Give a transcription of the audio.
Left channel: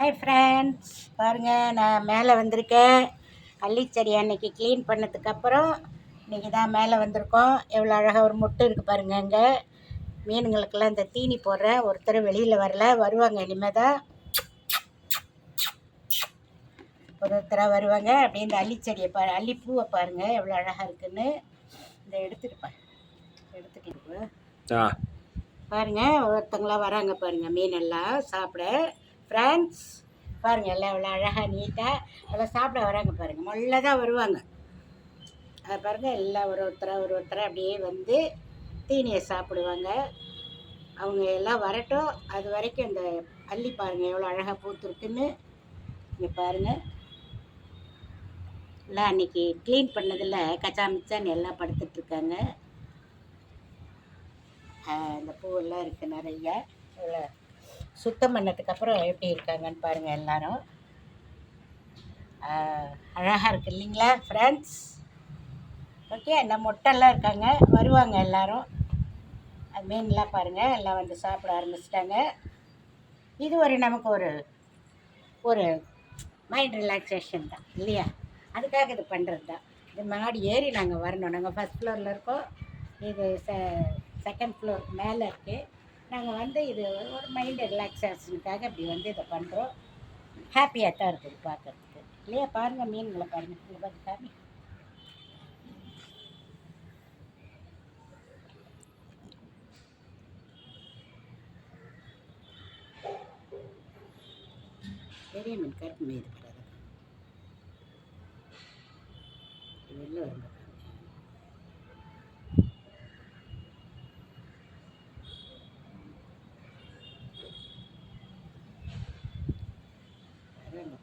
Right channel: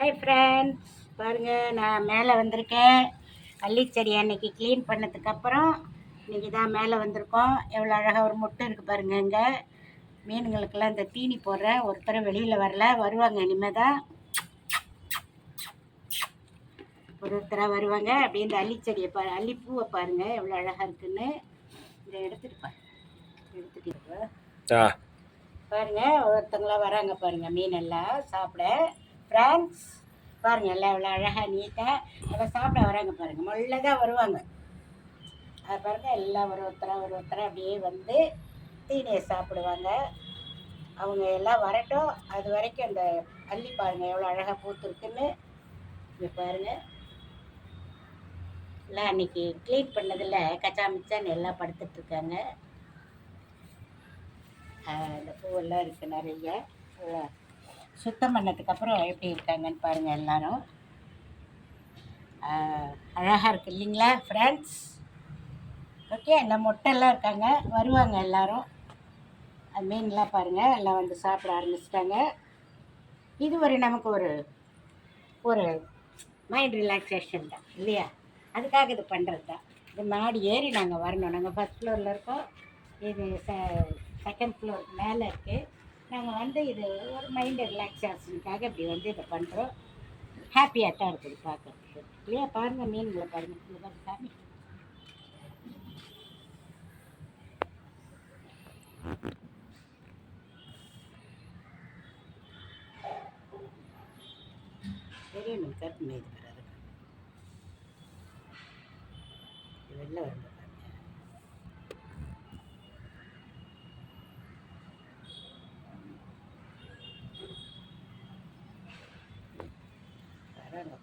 Hi friends, பாருங்கள் நான் மேலே வந்திருக்கேன். அள்ளிச்செடி அன்னைக்கு க்ளீன் பண்ணதுக்கப்புறம் இன்றைக்கி தான் மேலே வந்திருக்கோம். எவ்வளோ அழகாக ஒரு மொட்டு இருக்குது பாருங்கள். இங்கே மீனுங்களுக்கெல்லாம் இந்த தீனி போடுறேன். ஒருத்தர் வெளியில் வரல, வருவாங்க இனிமேல் தான் ஒருத்தராக வருவாங்க. அப்படியே இந்த அள்ளிச்செடியை அல்லிப்பூவை பாருங்கள் எவ்வளோ அழகாக இருக்குன்னு. இந்த எடுத்துக்கிட்டு பாருங்கள், ஒருத்தங்களாம் வராங்க பாருங்கள் மீனெல்லாம் சாப்பிட. ஃப்ரெண்ட்ஸ் பாருங்கள், எல்லாம் எவ்வளோ அழகாக நீட்டாக எல்லாம் சாப்பிட வராங்க பாருங்கள். மொல்ல தான் வருவாங்க. அதை பாருங்கள், எல்லாம் ஒரு ஒருத்தராக அப்படியே வந்து தீனியை சாப்பிடுவாங்க. அவங்க எல்லாம் வரட்டும், அது வரைக்கும் அந்த அள்ளி பாருங்கள் எவ்வளோ அழகாக பூத்துருக்குன்னு. இங்கே பாருங்கள், எல்லாம் அன்றைக்கி க்ளீன் பண்ணதில் கச்சா மிச்சான்னு எல்லாம் படுத்துட்ருக்காங்க. இந்த பூவெல்லாம் இருக்குது நிறையா. இவ்வளோ சுத்தம் பண்ணதுக்கப்புறம் எப்படி இருக்காங்கன்னு பாருங்கள். எல்லோரும் அழகாக இருக்குது இல்லைங்களா ஃப்ரெண்ட்ஸ்? ஓகே, இந்த மொட்டெல்லாம் இருக்காங்க, வருவாங்க எல்லோரும். மீன்லாம் பாருங்கள் எல்லாம் வந்து சாப்பிட ஆரம்பிச்சிட்டாங்க. இது ஒரு நமக்கு ஒரு ஒரு மைண்ட் ரிலாக்ஸேஷன் தான் இல்லையா? அதுக்காக இது பண்ணுறது தான். இது மாடி ஏறி நாங்கள் வரணும். நாங்கள் ஃபஸ்ட் ஃப்ளோரில் இருக்கோம், இது செகண்ட் ஃப்ளோர் மேலே இருக்குது. நாங்கள் வந்து இது ஒரு மைண்டு ரிலாக்ஸேஷனுக்காக இப்படி வந்து இதை பண்ணுறோம். ஹாப்பியாக தான் இருக்குது பார்க்குறதுக்கு இல்லையா? பாருங்கள் மீன்களை பாருங்கள், இங்கே பார்த்து சாமி. பெரிய மீன் கருப்பு மீன் இருக்கிறது வெளில வரும்போது வராங்க.